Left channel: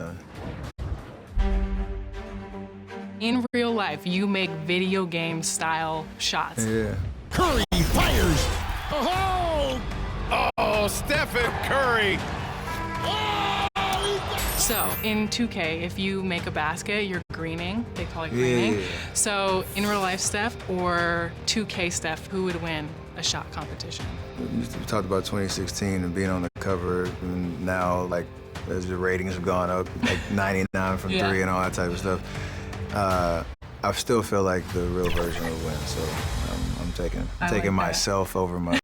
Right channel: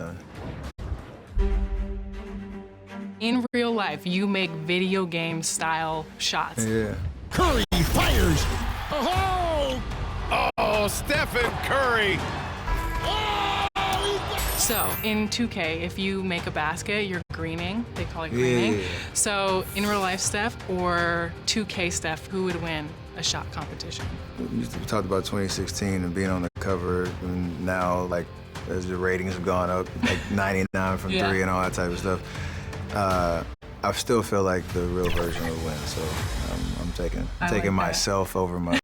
done. In real life, you make video game style shots. Yeah. Curry fires. Oh, Stephen Curry. So in 2K, if you make a basket, you're greening. They call it greening. Yeah. So in real life Steph or 2K Steph, who would win a shot competition? We talked about 2016 and being on the cover, and now, like, as the ratings have gone up, like 99 from three and all that type of stuff. I still feel like the real version would win, so I'm taking like myself over my.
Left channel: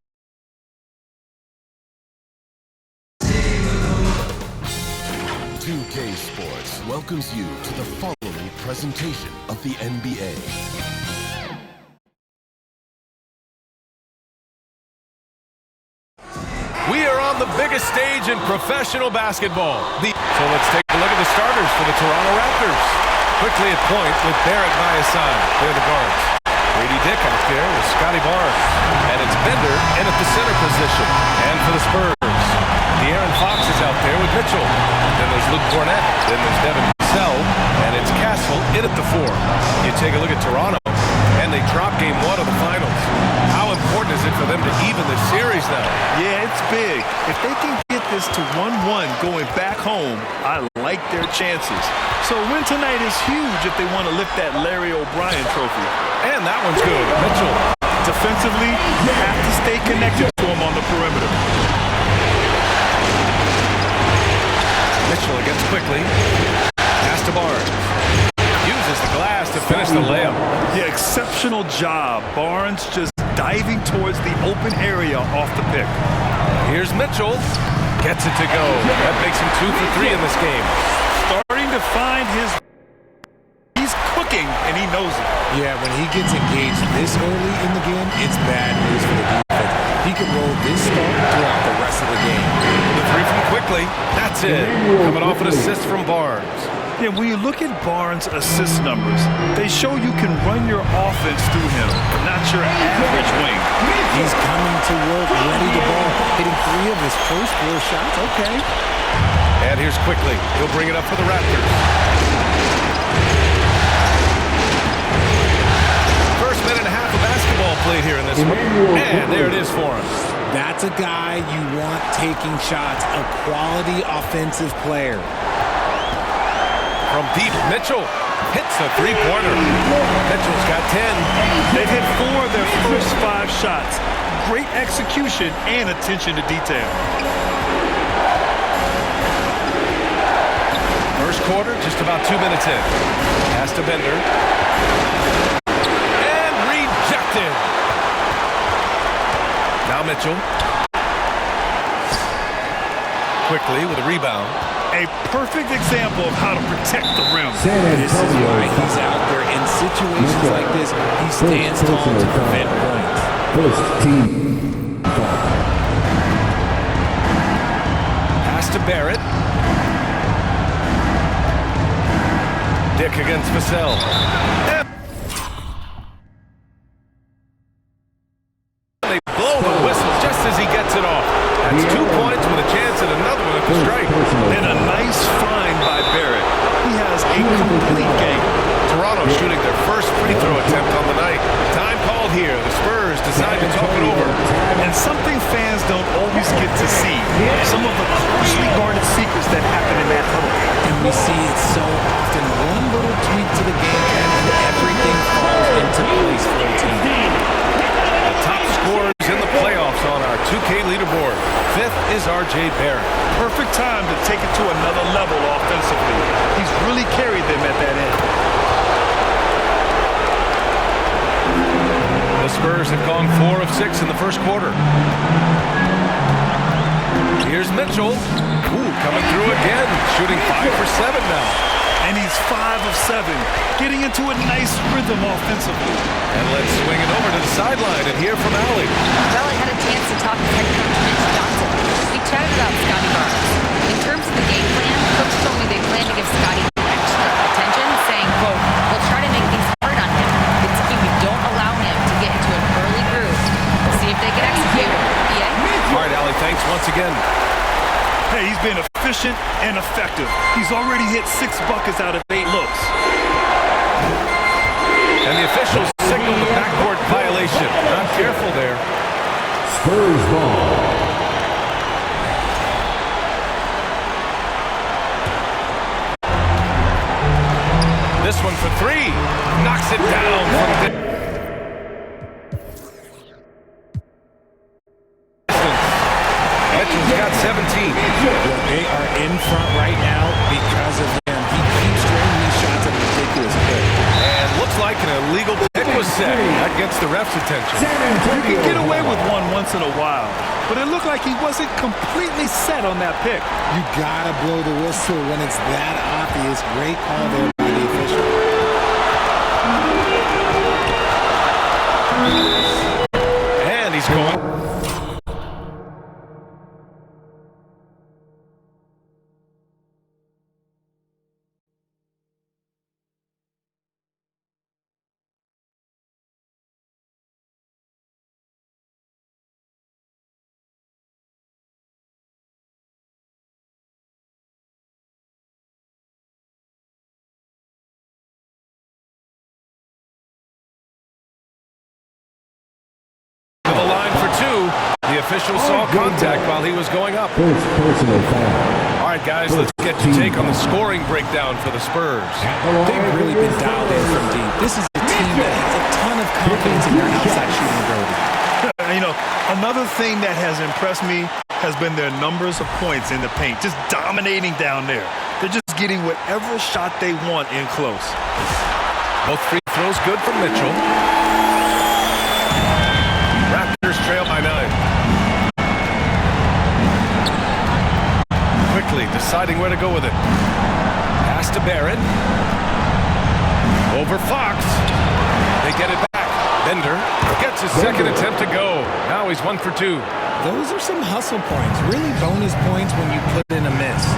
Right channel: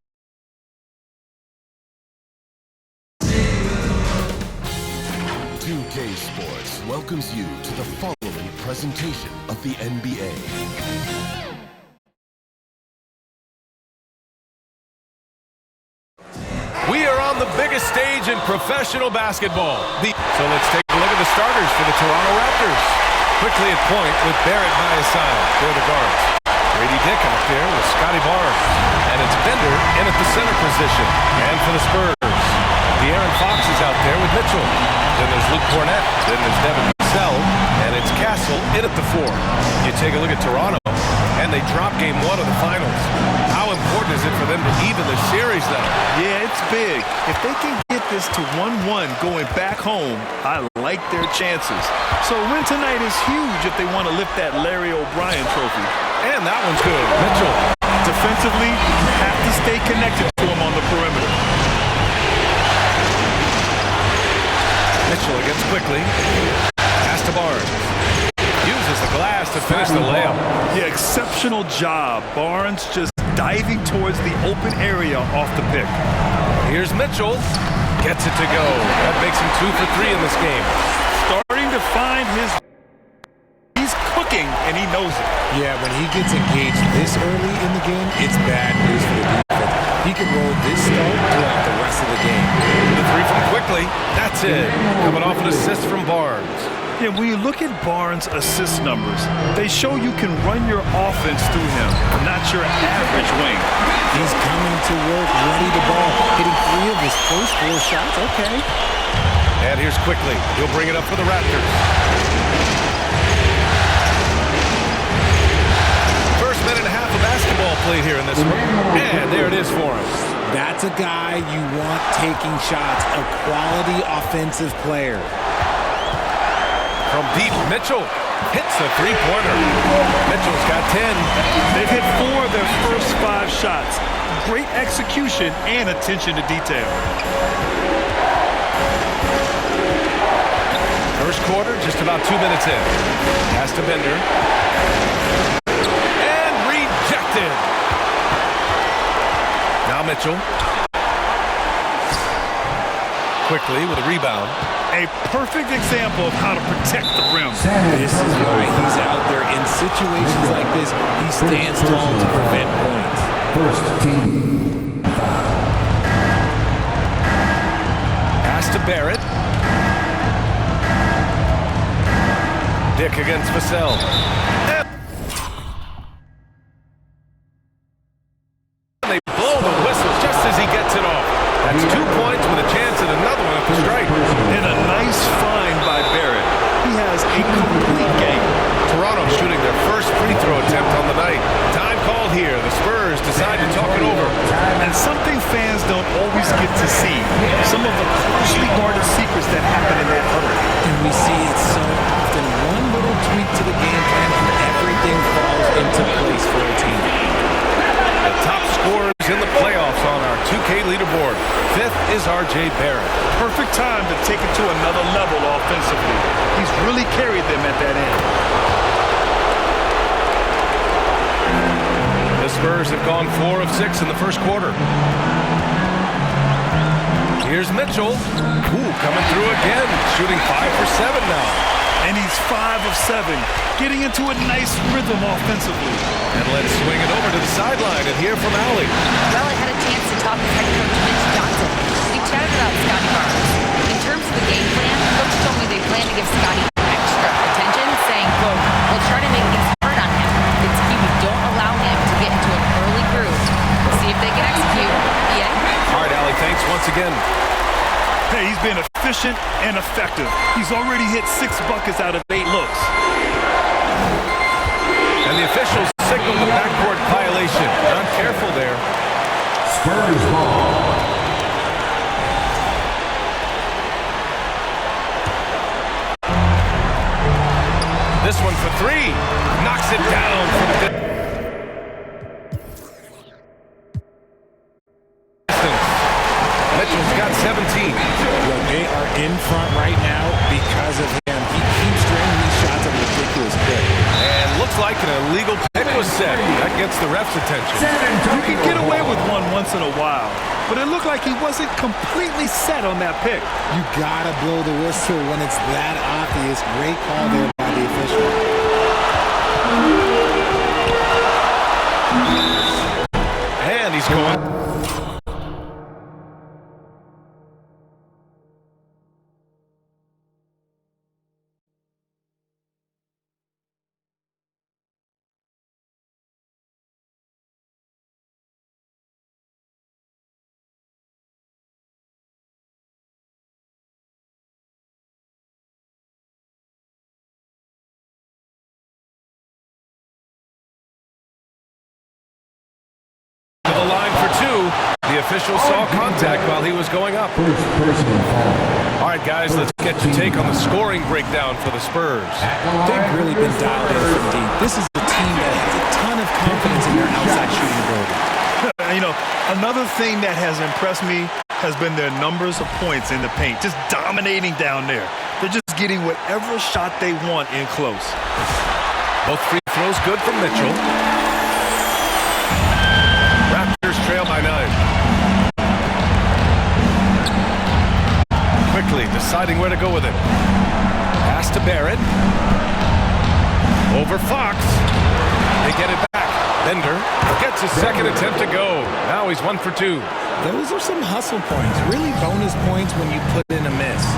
2K Sports welcomes you to the following presentation of the NBA. We are on the biggest stage in professional basketball. So let's take a look at the starters for the Toronto Raptors. Quickly at point with Barrett by his side. They're the guards. Grady Dick out there with Scotty Barnes. And it's Bender in at the center position. And for the Spurs, De'Aaron Fox is out there with Mitchell. Then there's Luke Cornett. Then there's Devin Vassell. And it's Castle in at the 4. You take a look at Toronto, and they drop game 1 of the finals. How important is it for them to even this series now? Yeah, it's big. If they can get this to 1-1 going back home, I like their chances. So a win tonight is huge if they want to lift that Larry O'Brien trophy. And that one's good. Mitchell. Defensively, you have to stay connected to him on the perimeter. Mitchell against quickly. Pass to Barnes. Uses the glass to finish the layup. Yeah, exceptional job. Barnes just diving towards the open area off the pick. Here's Mitchell. Gets it to go. That makes him 2 for 3 in this game. Starting to find his... He's cooking, and he knows it. Yeah, when he gets engaged this early in the game, it's bad news for the defense. He can roll this start throughout the rest of the game. The 3 from quickly. That's it. Coming off an assist from Barnes. Yeah, when you look at Barnes' assist numbers, they show you can run your offense through him, not your average wing. He's coming to work, ready to ball, hitting 3 of his first 4 shots. Okay. And here's quickly. He'll bring it up for the Raptors. First minute and a half of basketball played here in this one. And there it is for him. That's a guy you want taking shots, a quality offensive player. From deep, Mitchell hits the 3-pointer. Mitchell's got 10. They've hit 4 of their first 5 shots. Great execution and attention to detail. First quarter, just about 2 minutes in. Pass to Bender. And rejected. Now Mitchell. Quickly with a rebound. A perfect example of how to protect the rim. This is why he's out there in situations like this. He stands tall to prevent points. First team foul. Pass to Barrett. Dick against Vassell. And they blow the whistle just as he gets it off. That's 2 points with a chance at another one at the strike. And a nice find by Barrett. He has a complete game. Toronto shooting their first free throw attempt on the night. Time called here. The Spurs decide to talk it over. And something fans don't always get to see. Some of the closely guarded secrets that happen in that huddle. And we see it so often. One little tweak to the game plan and everything falls into place for a team. The top scorers in the playoffs on our 2K leaderboard. 5th is R.J. Barrett. Perfect time to take it to another level offensively. He's really carried them at that end. The Spurs have gone 4 of 6 in the first quarter. Here's Mitchell. Ooh, coming through again. Shooting 5 for 7 now. And he's 5 of 7, getting into a nice rhythm offensively. And let's swing it over to the sideline and hear from Allie. Well, I had a chance to talk with head coach Mitch Johnson. We chatted about Scotty Barnes. In terms of the game plan, coach told me they plan to give Scotty extra attention, saying, quote, we'll try to make things hard on him. It's key we don't allow him to get into an early groove. We'll see if they can execute. EA? All right, Allie, thanks once again. Hey, he's been efficient and effective. He's already hit 6 buckets out of 8 looks. And the officials signaled the backcourt violation. Not careful there. Spurs ball. This one for 3. Knocks it down from distance. Mitchell's got 17. Look, they are in front right now because of him. He keeps draining these shots at a ridiculous clip. And looks like an illegal pick was set. That gets the ref's attention. You can get away with one once in a while, but it looked like he wasn't completely set on that pick. You gotta blow the whistle when it's that obvious. Great call there by the official. And he's going. To the line for 2. The official saw contact while he was going up. First personal foul. All right, guys, let's get your take on the scoring breakdown for the Spurs. They've really been dialed in from deep. This is a team that has a ton of confidence in their outside shooting ability. You know, another thing that has impressed me has been their numbers of points in the paint, just dominating down there. They're just getting whatever shot they want in close. Both free throws good from Mitchell. Raptors trail by 9. Quickly deciding where to go with it. Pass to Barrett. Over Fox. They get it back. Bender gets his second attempt to go. Now he's 1 for 2. Those are some hustle points. Really bonus points when you put in a miss.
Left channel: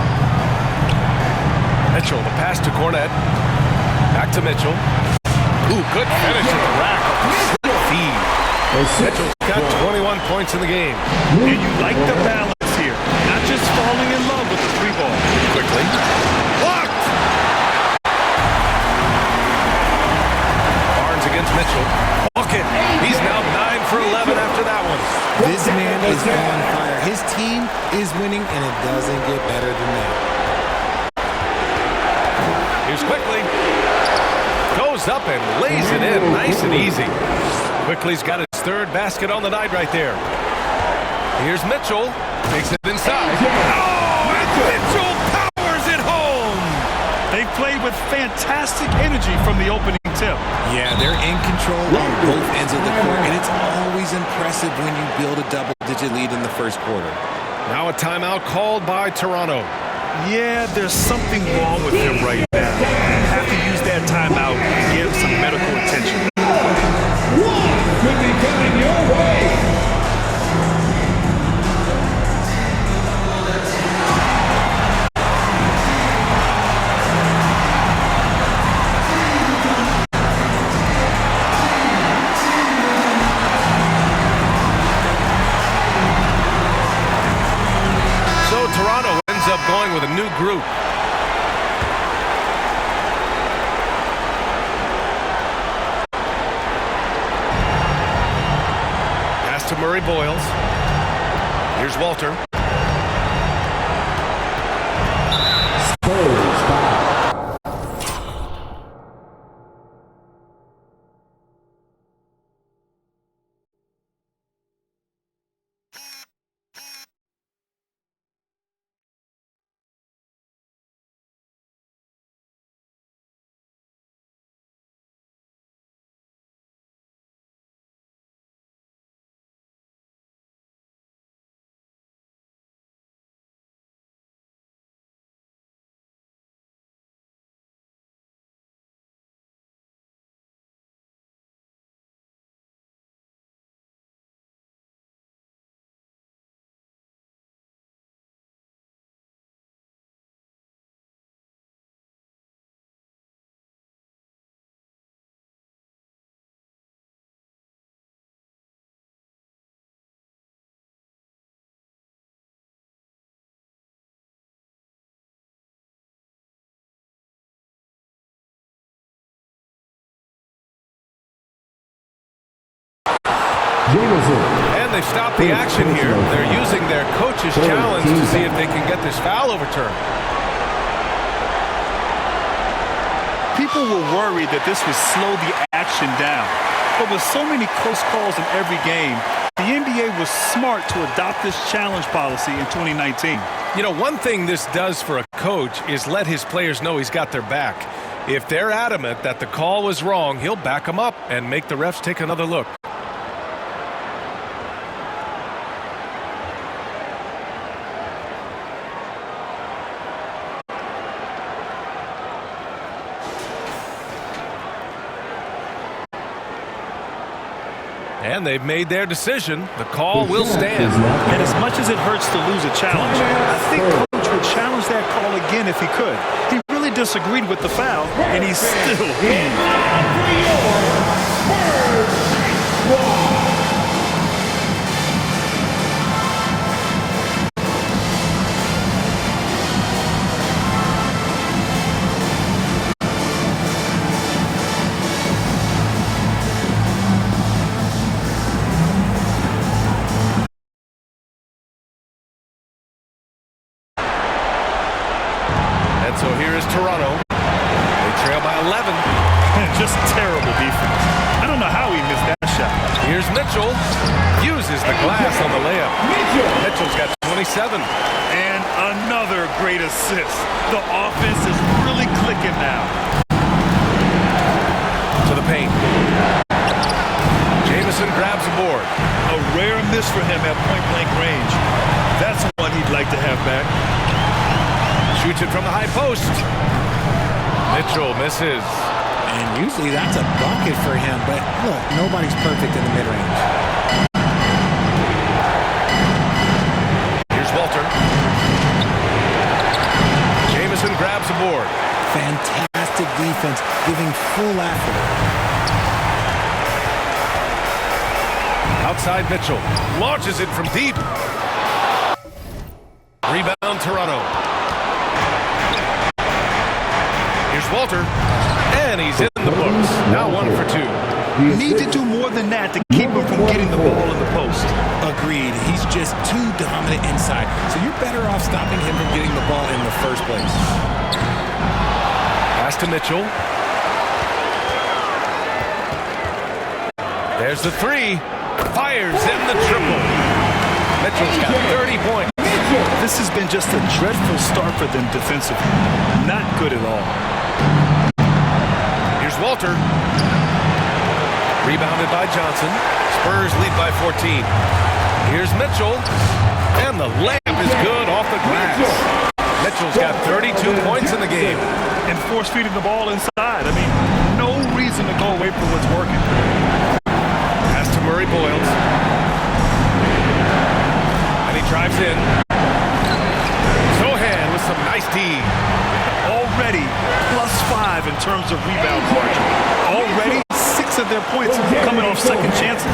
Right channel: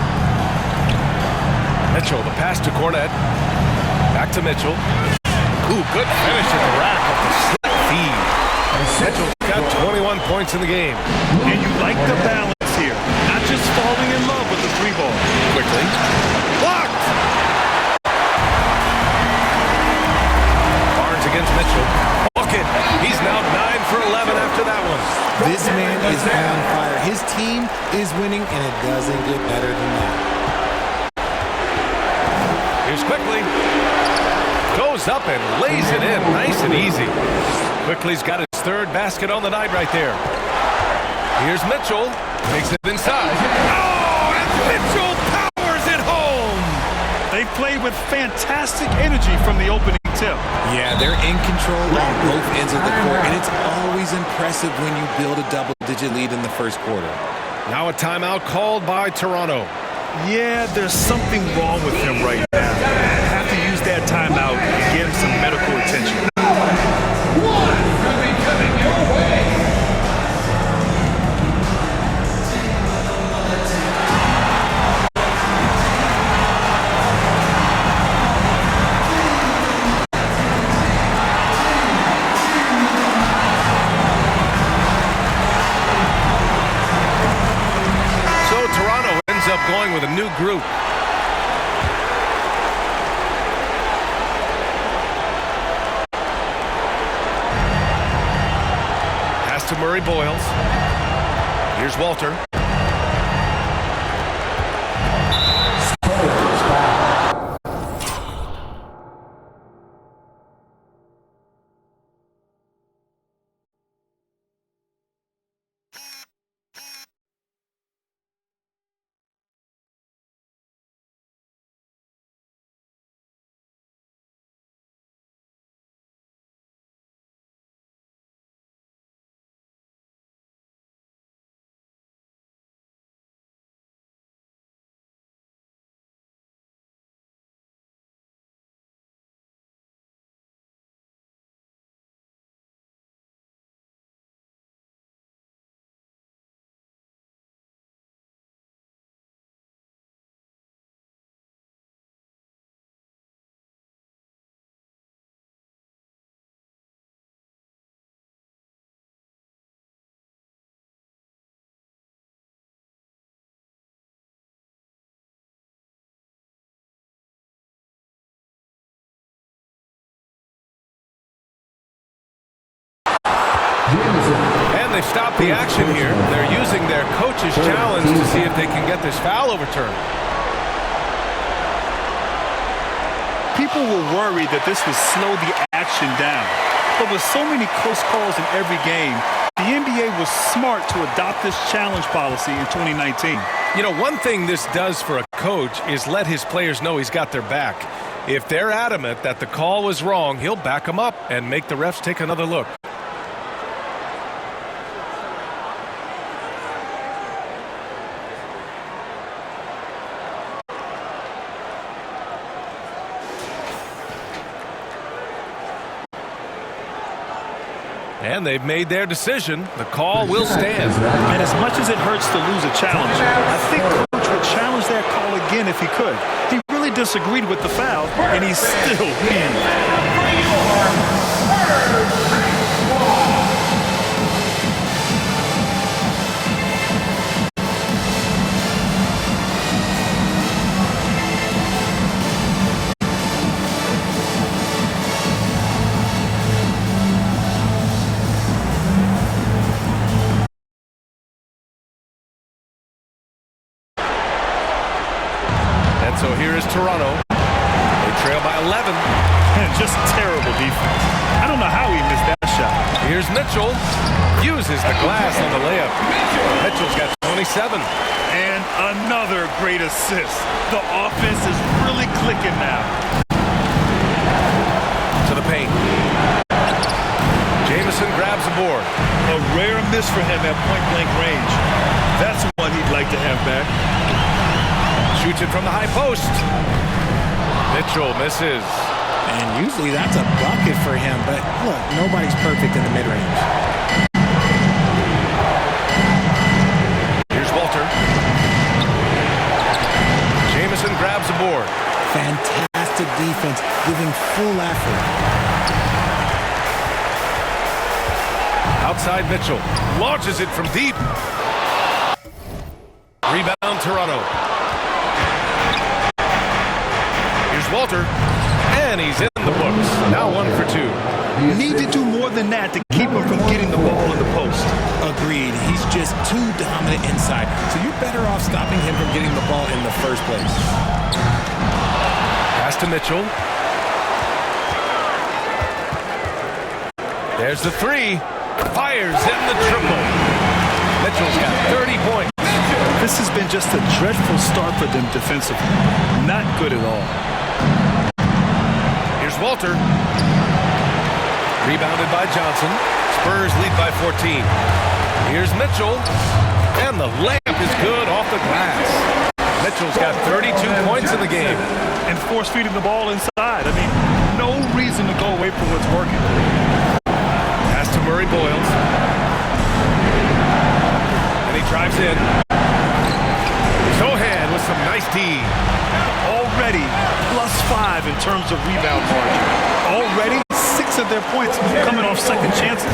Mitchell, the pass to Cornette. Back to Mitchell. Ooh, good finish at the rack off the slick feed. Mitchell's got 21 points in the game. And you like the balance here. Not just falling in love with the 3 ball. Quickly. Blocked! Barnes against Mitchell. Bucket. He's now 9 for 11 after that one. This man is on fire. His team is winning, and it doesn't get better than that. Here's Quickly. Goes up and lays it in. Nice and easy. Quickly's got his 3rd basket on the night right there. Here's Mitchell. Takes it inside. Oh, and Mitchell powers it home. They've played with fantastic energy from the opening tip. Yeah, they're in control on both ends of the court, and it's always impressive when you build a double-digit lead in the first quarter. Now a timeout called by Toronto. Yeah, there's something wrong with him right now. Have to use that timeout and get him some medical attention. One could be coming your way. So Toronto ends up going with a new group. Pass to Murray Boyles. Here's Walter. Spurs foul. And they stopped the action here. They're using their coach's challenge to see if they can get this foul overturned. People were worried that this would slow the action down. But with so many close calls in every game, the NBA was smart to adopt this challenge policy in 2019. You know, one thing this does for a coach is let his players know he's got their back. If they're adamant that the call was wrong, he'll back them up and make the refs take another look. And they've made their decision. The call will stand. And as much as it hurts to lose a challenge, I think Coach would challenge that call again if he could. He really disagreed with the foul, and he's still heaved. For your Spurs squad. And so here is Toronto. They trail by 11. And just terrible defense. I don't know how he missed that shot. Here's Mitchell. Uses the glass on the layup. Mitchell's got 27. And another great assist. The offense is really clicking now. To the paint. Jamison grabs a board. A rare miss for him at point-blank range. That's one he'd like to have back. Shoots it from the high post. Mitchell misses. And usually that's a bucket for him, but look, nobody's perfect in the mid-range. Here's Walter. Jamison grabs a board. Fantastic defense, giving full effort. Outside Mitchell. Launches it from deep. Rebound Toronto. Here's Walter. And he's in the books. Now 1 for 2. You need to do more than that to keep him from getting the ball in the post. Agreed. He's just too dominant inside. So you're better off stopping him from getting the ball in the first place. Pass to Mitchell. There's the three. Fires in the triple. Mitchell's got 30 points. This has been just a dreadful start for them defensively. Not good at all. Here's Walter. Rebounded by Johnson. Spurs lead by 14. Here's Mitchell. And the layup is good off the glass. Mitchell's got 32 points in the game. And force-feeding the ball inside. I mean, no reason to go away from what's working. Pass to Murray Boyles. And he drives in. Sohan with some nice D. Already +5 in terms of rebound margin. Already 6 of their points coming off second chances.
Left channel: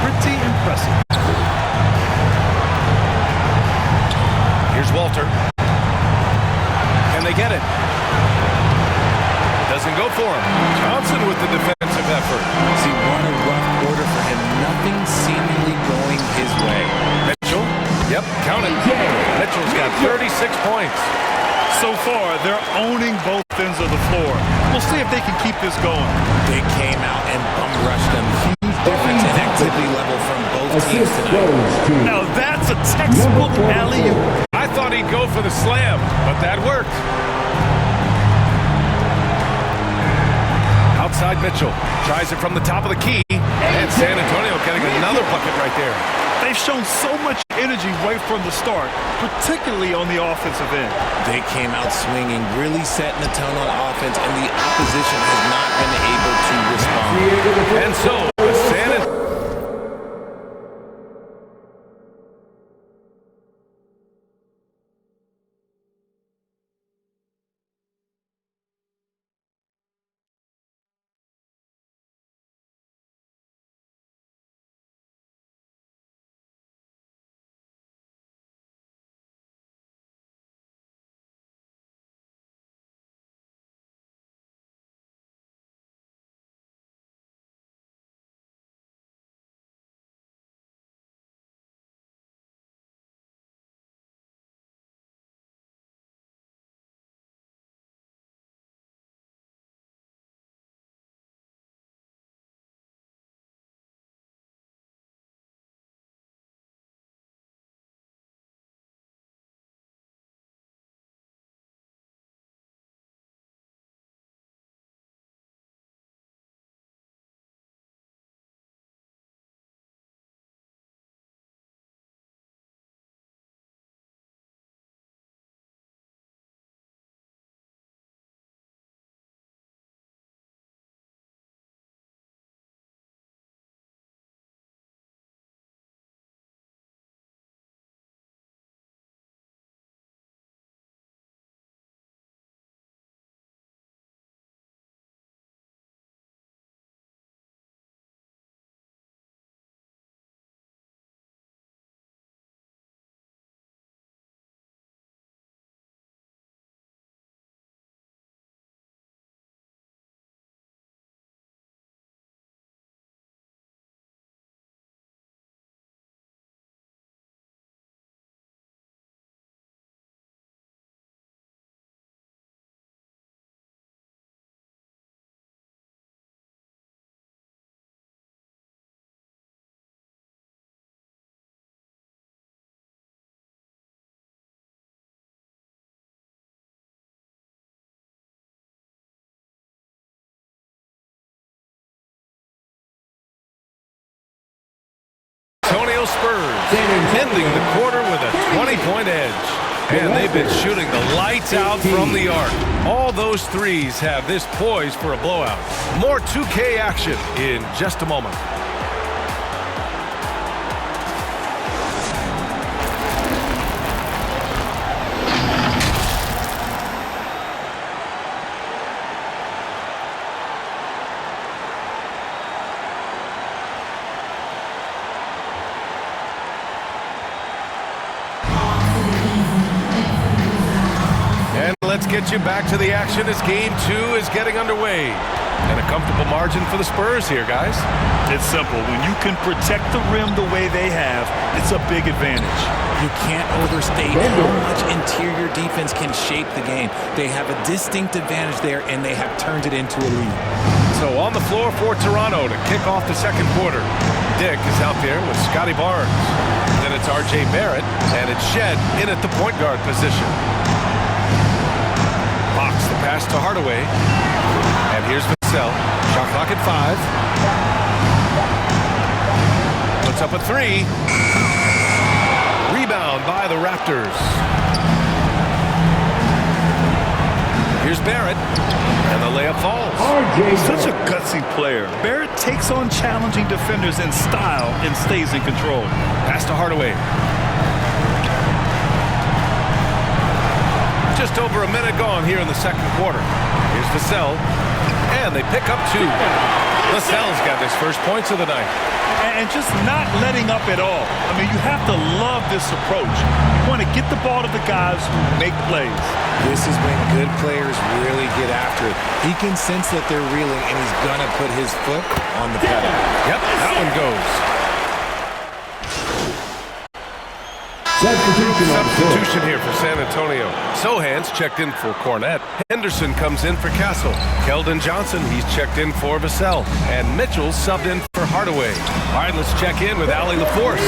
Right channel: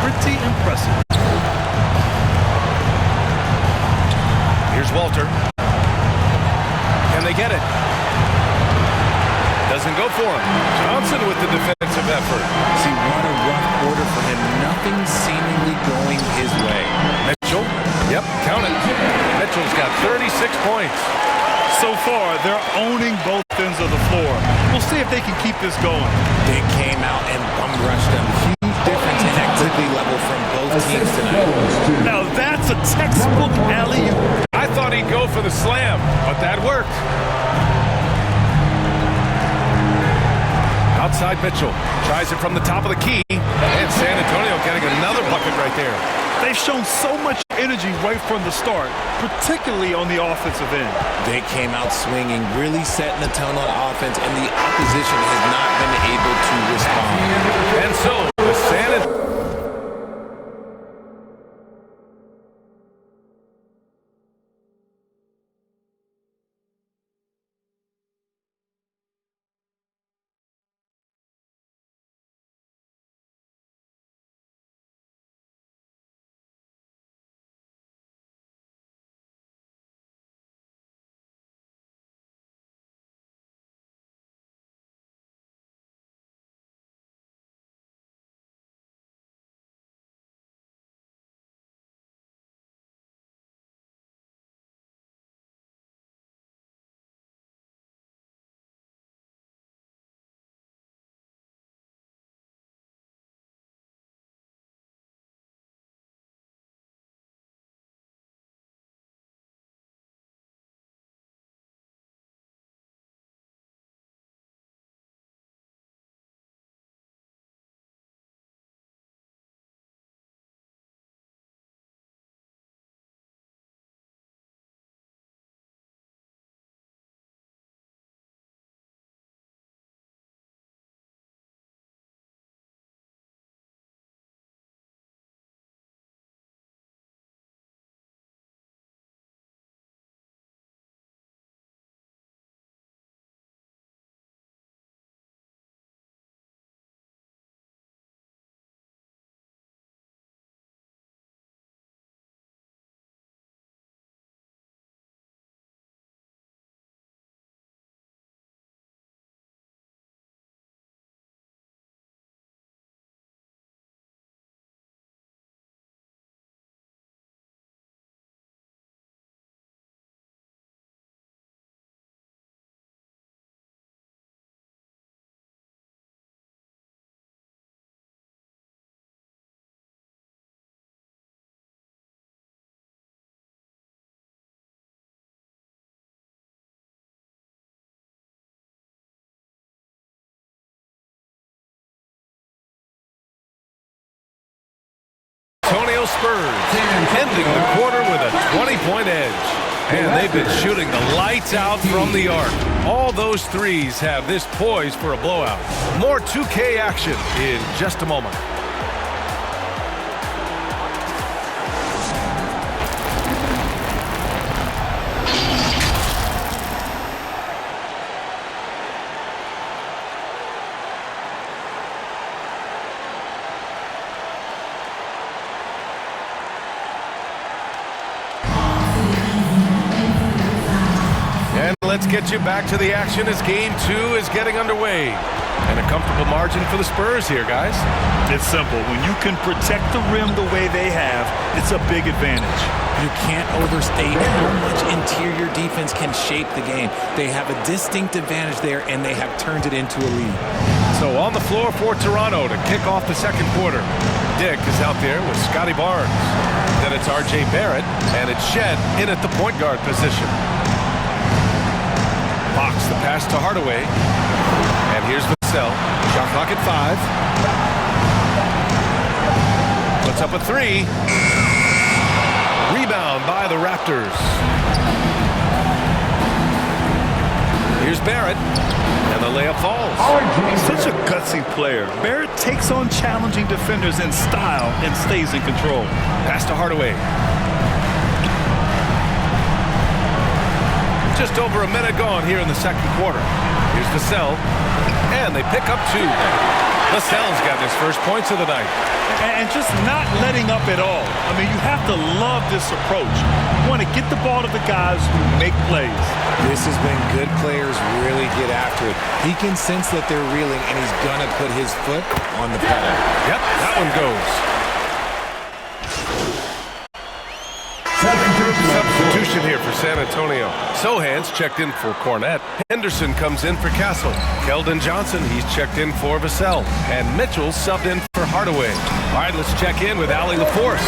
Pretty impressive. Here's Walter. Can they get it? Doesn't go for him. Johnson with the defensive effort. See, what a rough quarter for him. Nothing seemingly going his way. Mitchell. Yep, count it. Mitchell's got 36 points. So far, they're owning both ends of the floor. We'll see if they can keep this going. They came out and bum rushed them. Huge difference in activity level from both teams tonight. Now that's a textbook alley-oop. I thought he'd go for the slam, but that worked. Outside Mitchell. Tries it from the top of the key. And San Antonio getting another bucket right there. They've shown so much energy right from the start, particularly on the offensive end. They came out swinging, really setting the tone on offense, and the opposition has not been able to respond. And so the San Antonio Spurs, ending the quarter with a 20-point edge. And they've been shooting the lights out from the arc. All those threes have this poised for a blowout. More 2K action in just a moment. Let's get you back to the action as Game 2 is getting underway. And a comfortable margin for the Spurs here, guys. It's simple. When you can protect the rim the way they have, it's a big advantage. You can't overstate how much interior defense can shape the game. They have a distinct advantage there, and they have turned it into a lead. So on the floor for Toronto to kick off the second quarter. Dick is out there with Scotty Barnes. Then it's R.J. Barrett, and it's Shed in at the point guard position. Fox the pass to Hardaway. And here's Vassell. Shot clock at 5. Puts up a 3. Rebound by the Raptors. Here's Barrett. And the layup falls. Such a gutsy player. Barrett takes on challenging defenders in style and stays in control. Pass to Hardaway. Just over a minute gone here in the second quarter. Here's Vassell. And they pick up 2. Vassell's got his first points of the night. And just not letting up at all. I mean, you have to love this approach. You want to get the ball to the guys who make plays. This is when good players really get after it. He can sense that they're reeling, and he's going to put his foot on the pedal. Yep, that one goes. Substitution here for San Antonio. Sohan's checked in for Cornette. Henderson comes in for Castle. Keldon Johnson, he's checked in for Vassell. And Mitchell subbed in for Hardaway. All right, let's check in with Allie LaForce.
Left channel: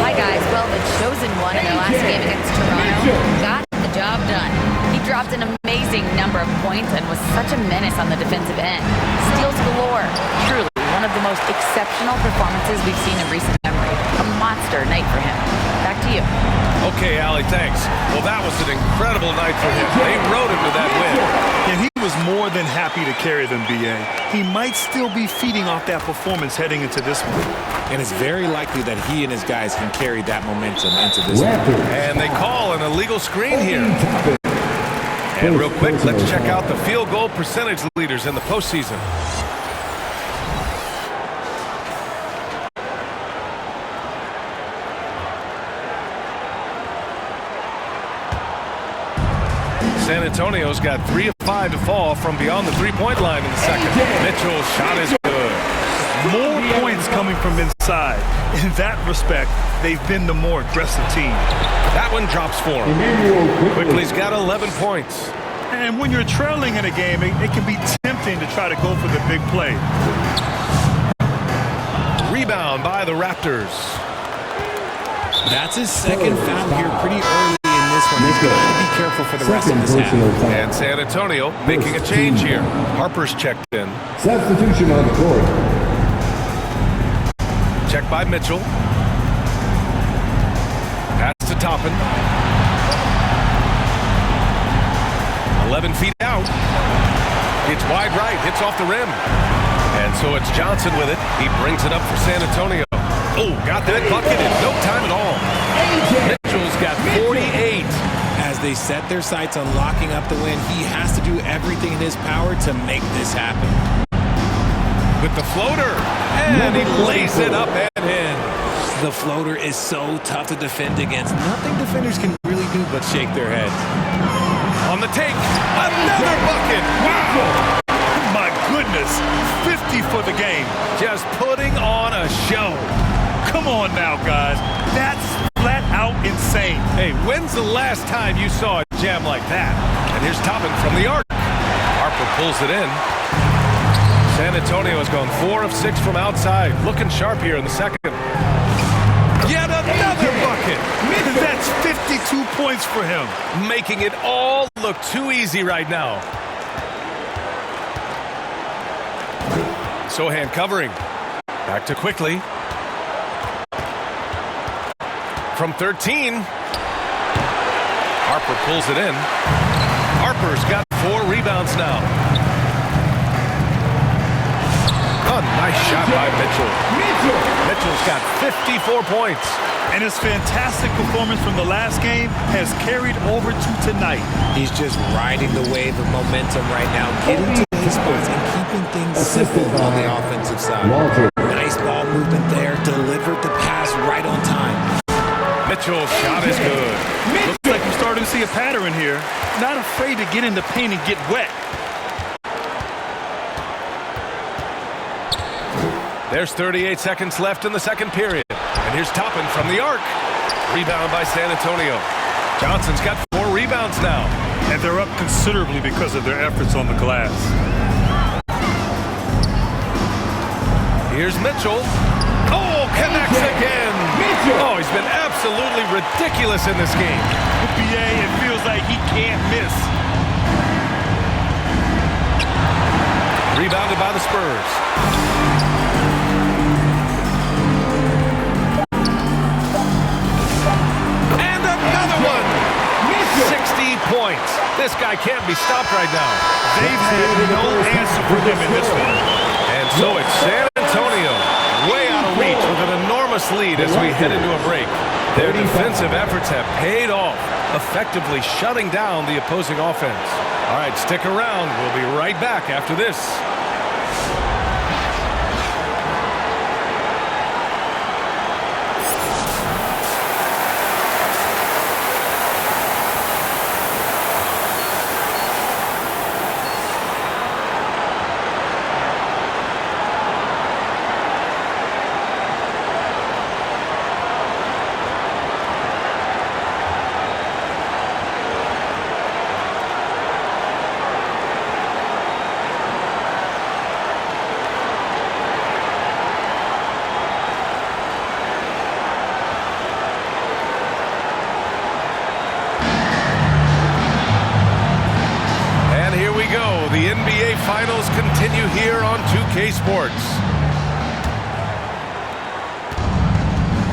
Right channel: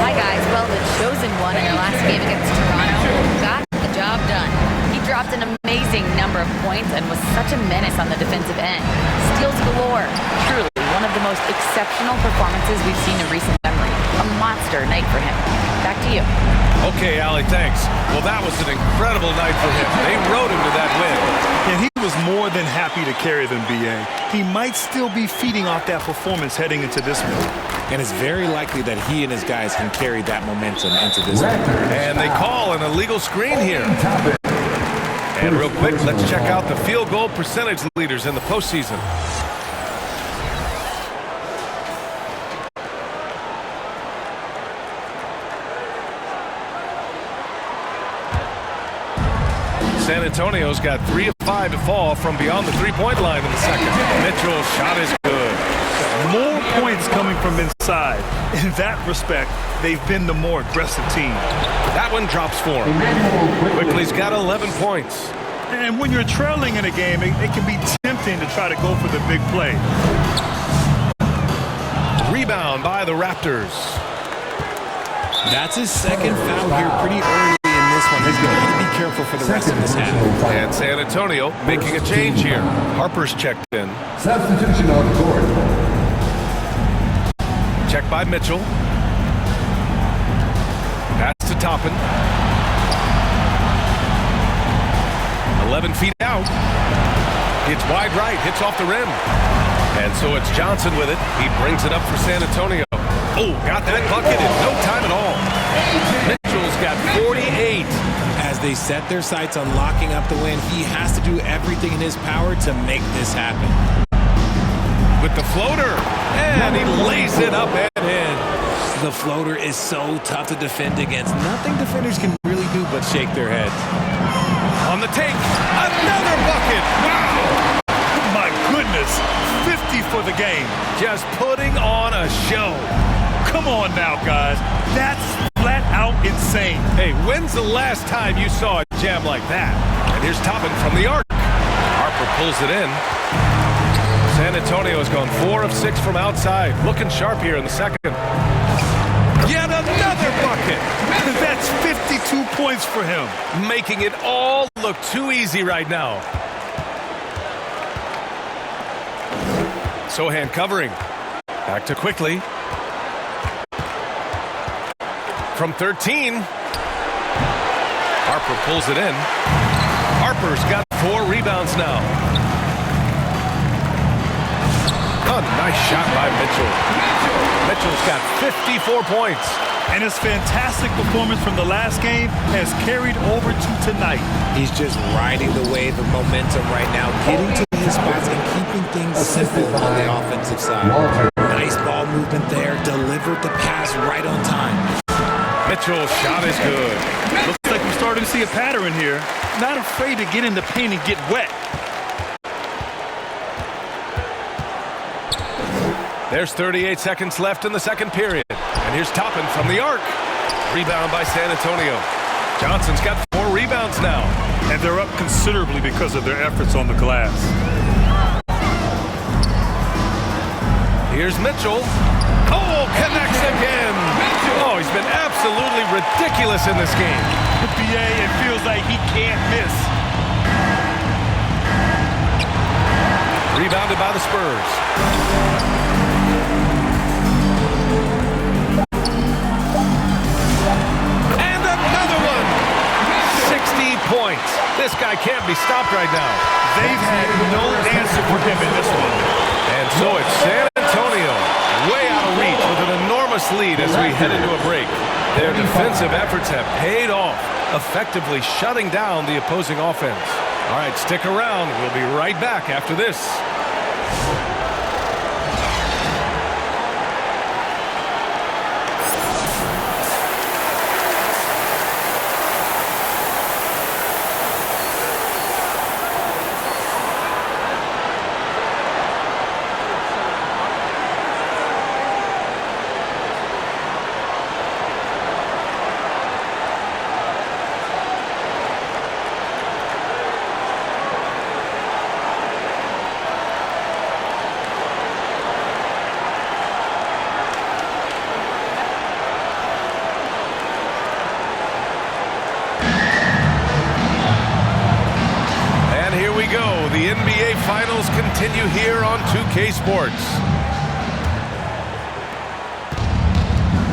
Hi, guys. Well, the chosen one in their last game against Toronto got the job done. He dropped an amazing number of points and was such a menace on the defensive end. Steals galore. Truly one of the most exceptional performances we've seen in recent memory. A monster night for him. Back to you. Okay, Allie, thanks. Well, that was an incredible night for him. They rode him to that win. And he was more than happy to carry them, B.A. He might still be feeding off that performance heading into this one. And it's very likely that he and his guys can carry that momentum into this one. And they call an illegal screen here. And real quick, let's check out the field goal percentage leaders in the postseason. San Antonio's got 3 of 5 to fall from beyond the three-point line in the second. Mitchell's shot is good. More points coming from inside. In that respect, they've been the more aggressive team. That one drops for him. Quickly's got 11 points. And when you're trailing in a game, it can be tempting to try to go for the big play. Rebound by the Raptors. That's his second foul here pretty early in this one. He's got to be careful for the rest of this half. And San Antonio making a change here. Harper's checked in. Substitution on the court. Checked by Mitchell. Pass to Toppin. 11 feet out. It's wide right. Hits off the rim. And so it's Johnson with it. He brings it up for San Antonio. Oh, got that bucket in no time at all. Mitchell's got 48. As they set their sights on locking up the win, he has to do everything in his power to make this happen. With the floater, and he lays it up and in. The floater is so tough to defend against. Nothing defenders can really do but shake their heads. On the take, another bucket. Wow! My goodness, 50 for the game. Just putting on a show. Come on now, guys. That's flat out insane. Hey, when's the last time you saw a jam like that? And here's Toppin from the arc. Harper pulls it in. San Antonio has gone 4 of 6 from outside. Looking sharp here in the second. Yet another bucket. That's 52 points for him. Making it all look too easy right now. Sohan covering. Back to Quickly. from 13. Harper pulls it in. Harper's got 4 rebounds now. A nice shot by Mitchell. Mitchell's got 54 points. And his fantastic performance from the last game has carried over to tonight. He's just riding the wave of momentum right now, getting to his spots and keeping things simple on the offensive side. Nice ball movement there, delivered the pass right on time. Mitchell's shot is good. Looks like we're starting to see a pattern here. Not afraid to get in the paint and get wet. There's 38 seconds left in the second period. And here's Toppin from the arc. Rebound by San Antonio. Johnson's got 4 rebounds now. And they're up considerably because of their efforts on the glass. Here's Mitchell. Oh, connects again. Oh, he's been absolutely ridiculous in this game. BA, it feels like he can't miss. Rebounded by the Spurs. And another one. 60 points. This guy can't be stopped right now. They've had no answer for him in this one. And so it's San Antonio way out of reach with an enormous lead as we head into a break. Their defensive efforts have paid off, effectively shutting down the opposing offense. All right, stick around. We'll be right back after this. Here we go. The NBA Finals continue here on 2K Sports.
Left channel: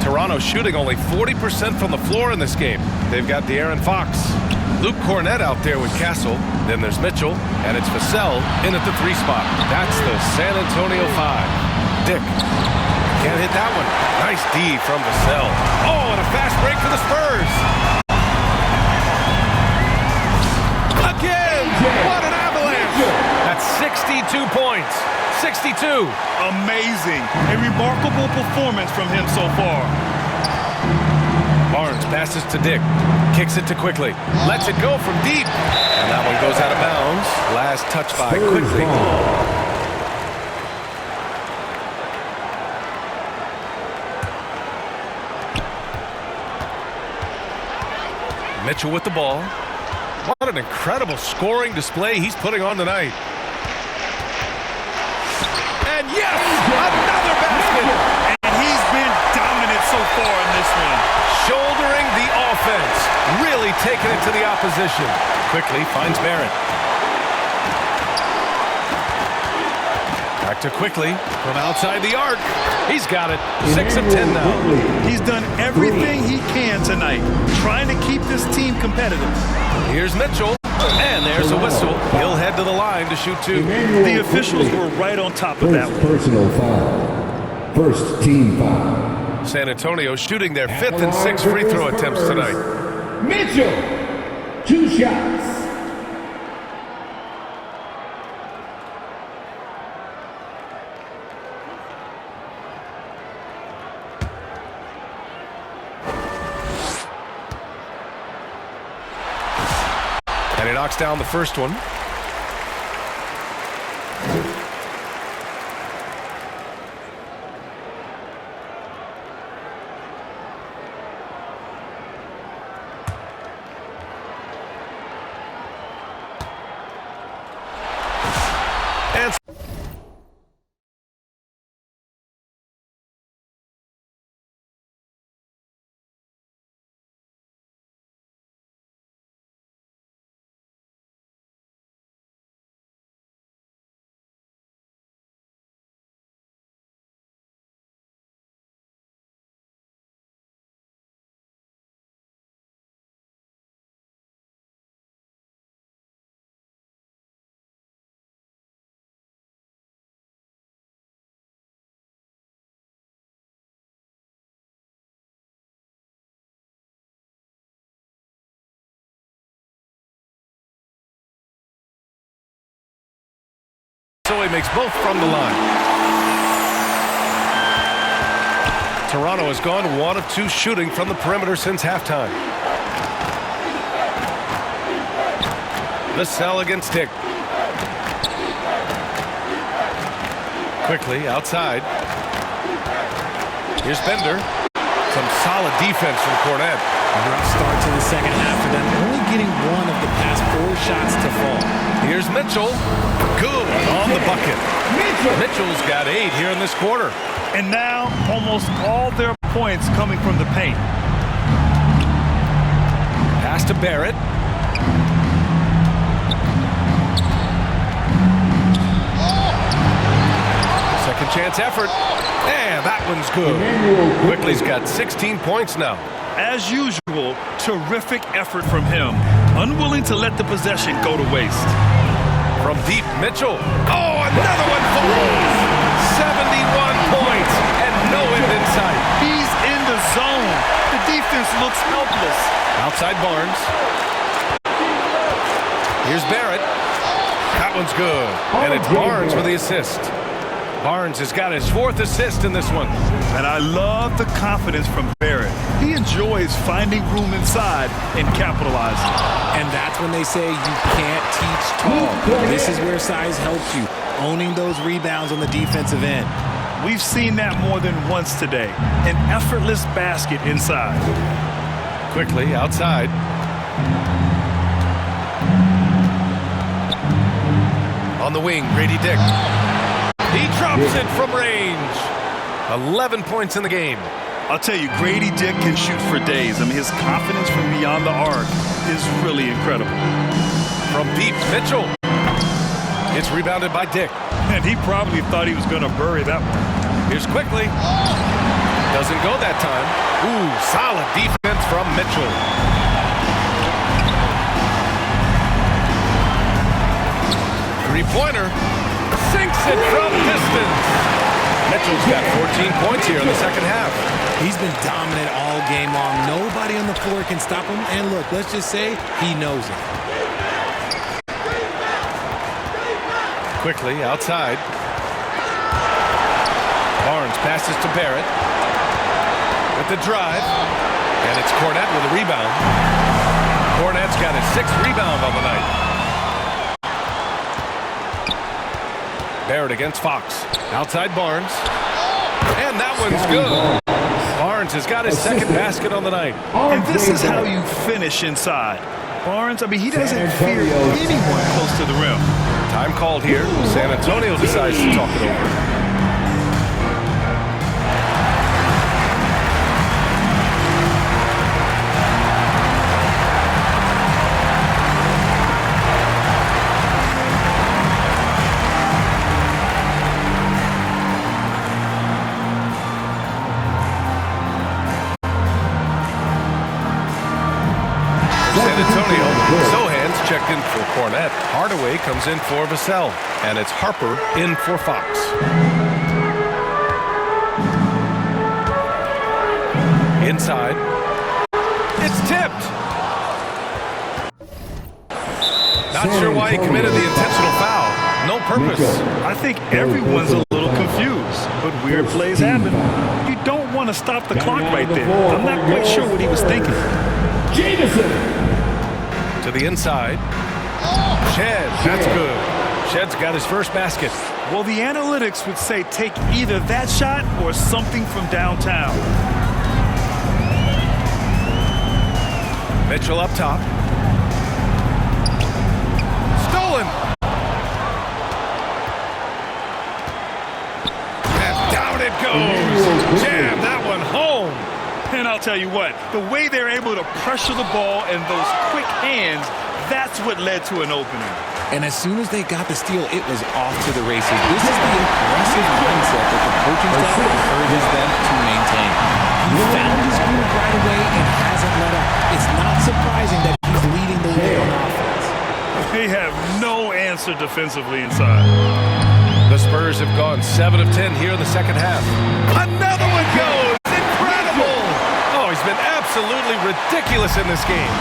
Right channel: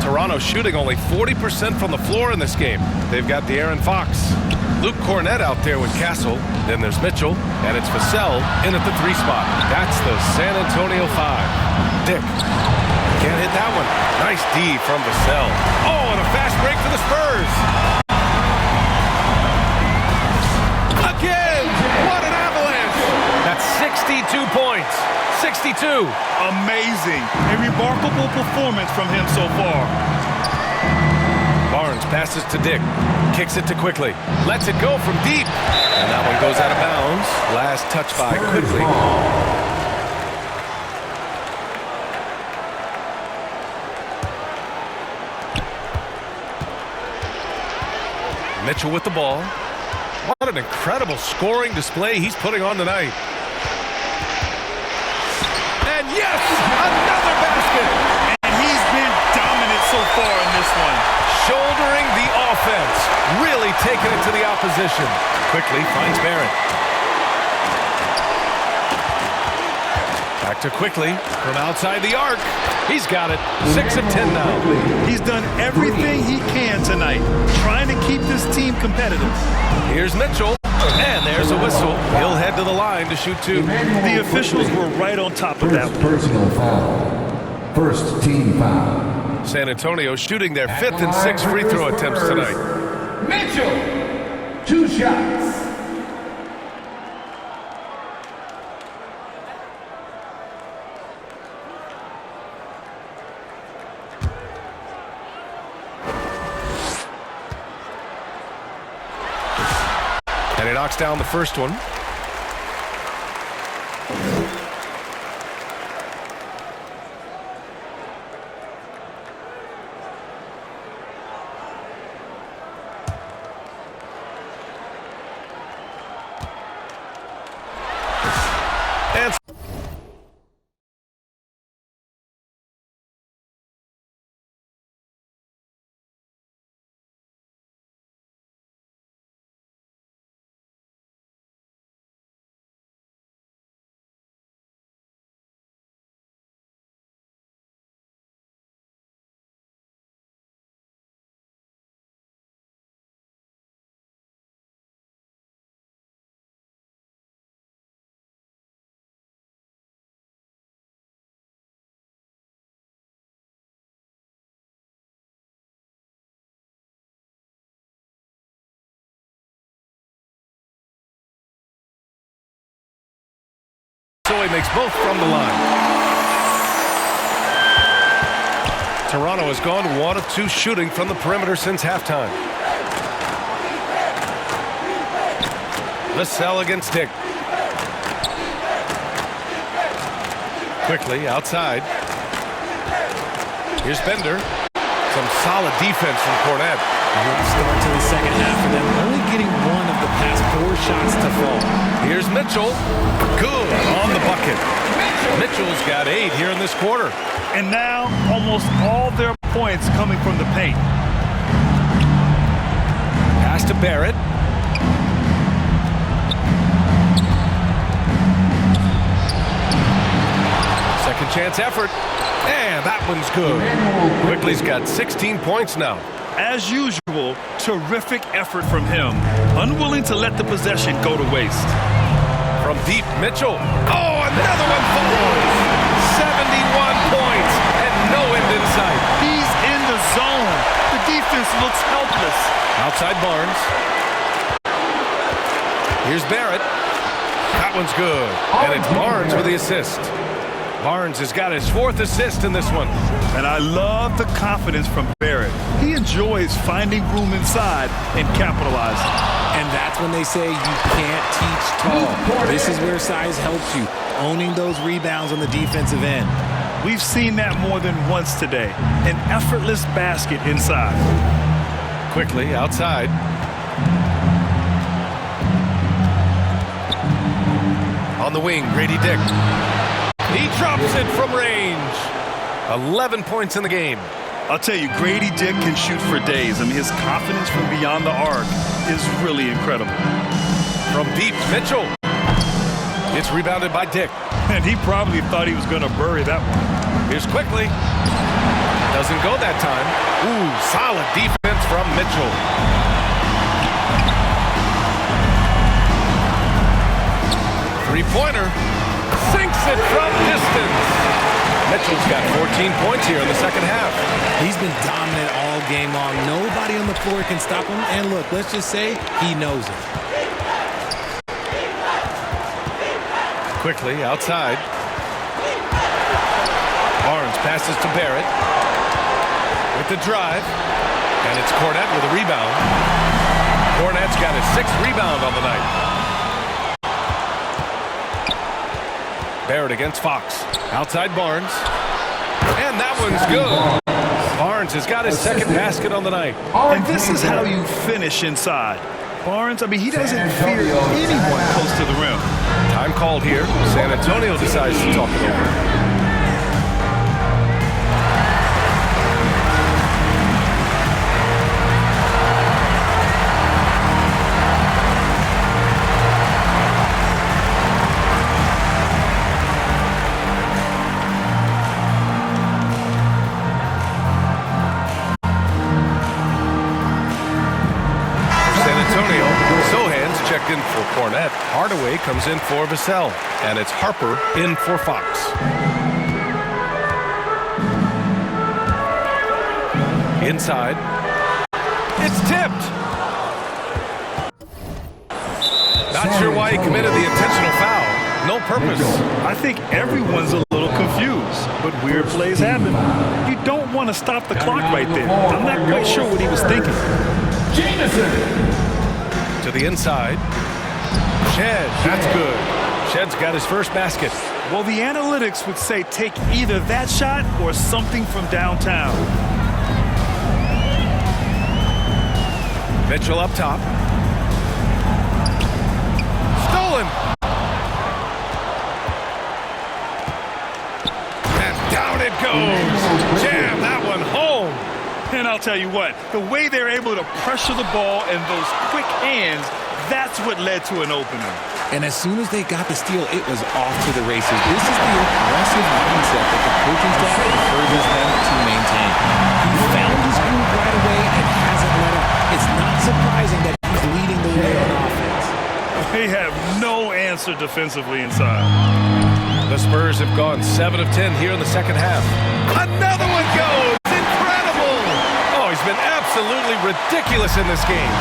Toronto shooting only 40% from the floor in this game. They've got De'Aaron Fox. Luke Cornett out there with Castle. Then there's Mitchell, and it's Vassell in at the 3 spot. That's the San Antonio 5. Dick. Can't hit that one. Nice D from Vassell. Oh, and a fast break for the Spurs. Again! What an avalanche! That's 62 points. 62. Amazing. A remarkable performance from him so far. Barnes passes to Dick. Kicks it to Quickly. Lets it go from deep. And that one goes out of bounds. Last touch by Quickly. Mitchell with the ball. What an incredible scoring display he's putting on tonight. And yes, another basket. And he's been dominant so far in this one. Shouldering the offense, really taking it to the opposition. Quickly finds Barrett. Back to Quickly from outside the arc. He's got it. 6 of 10 now. He's done everything he can tonight, trying to keep this team competitive. Here's Mitchell, and there's a whistle. He'll head to the line to shoot 2. The officials were right on top of that one. Personal foul. First team foul. San Antonio shooting their 5th and 6th free throw attempts tonight. Mitchell, 2 shots. And he knocks down the first one. So he makes both from the line. Toronto has gone 1 of 2 shooting from the perimeter since halftime. Vassell against Dick. Quickly outside. Here's Bender. Some solid defense from Cornette. Rough start to the second half for them, only getting 1 of the past 4 shots to fall. Here's Mitchell. Good on the bucket. Mitchell's got 8 here in this quarter. And now almost all their points coming from the paint. Pass to Barrett. Second chance effort. And that one's good. Quickly's got 16 points now. As usual, terrific effort from him. Unwilling to let the possession go to waste. From deep, Mitchell. Oh, another one falls. 71 points and no end in sight. He's in the zone. The defense looks helpless. Outside Barnes. Here's Barrett. That one's good. And it's Barnes with the assist. Barnes has got his 4th assist in this one. And I love the confidence from Barrett. He enjoys finding room inside and capitalizing. And that's when they say you can't teach tall. This is where size helps you, owning those rebounds on the defensive end. We've seen that more than once today. An effortless basket inside. Quickly outside. On the wing, Grady Dick. He drops it from range. 11 points in the game. I'll tell you, Grady Dick can shoot for days. I mean, his confidence from beyond the arc is really incredible. From deep, Mitchell. It's rebounded by Dick. And he probably thought he was going to bury that one. Here's Quickly. Doesn't go that time. Ooh, solid defense from Mitchell. Three-pointer. Sinks it from distance. Mitchell's got 14 points here in the second half. He's been dominant all game long. Nobody on the floor can stop him. And look, let's just say he knows it. Quickly outside. Barnes passes to Barrett. With the drive. And it's Cornette with a rebound. Cornette's got his 6th rebound on the night. Barrett against Fox. Outside Barnes. And that one's good. Barnes has got his 2nd basket on the night. And this is how you finish inside. Barnes, I mean, he doesn't fear anyone close to the rim. Time called here. San Antonio decides to talk it over. Antonio. Sohan's checked in for Cornette. Hardaway comes in for Vassell. And it's Harper in for Fox. Inside. It's tipped. Not sure why he committed the intentional foul. No purpose. I think everyone's a little confused, but weird plays happen. You don't want to stop the clock right there. I'm not quite sure what he was thinking. Jameson. To the inside. Shed, that's good. Shed's got his 1st basket. Well, the analytics would say take either that shot or something from downtown. Mitchell up top. Stolen. And down it goes. Jam that one home. And I'll tell you what, the way they're able to pressure the ball and those quick hands, that's what led to an opening. And as soon as they got the steal, it was off to the races. This is the aggressive mindset that the coaching staff encourages them to maintain. He found his groove right away and hasn't let up. It's not surprising that he's leading the way on offense. They have no answer defensively inside. The Spurs have gone 7 of 10 here in the second half. Another one goes! Incredible! Oh, he's been absolutely ridiculous in this game.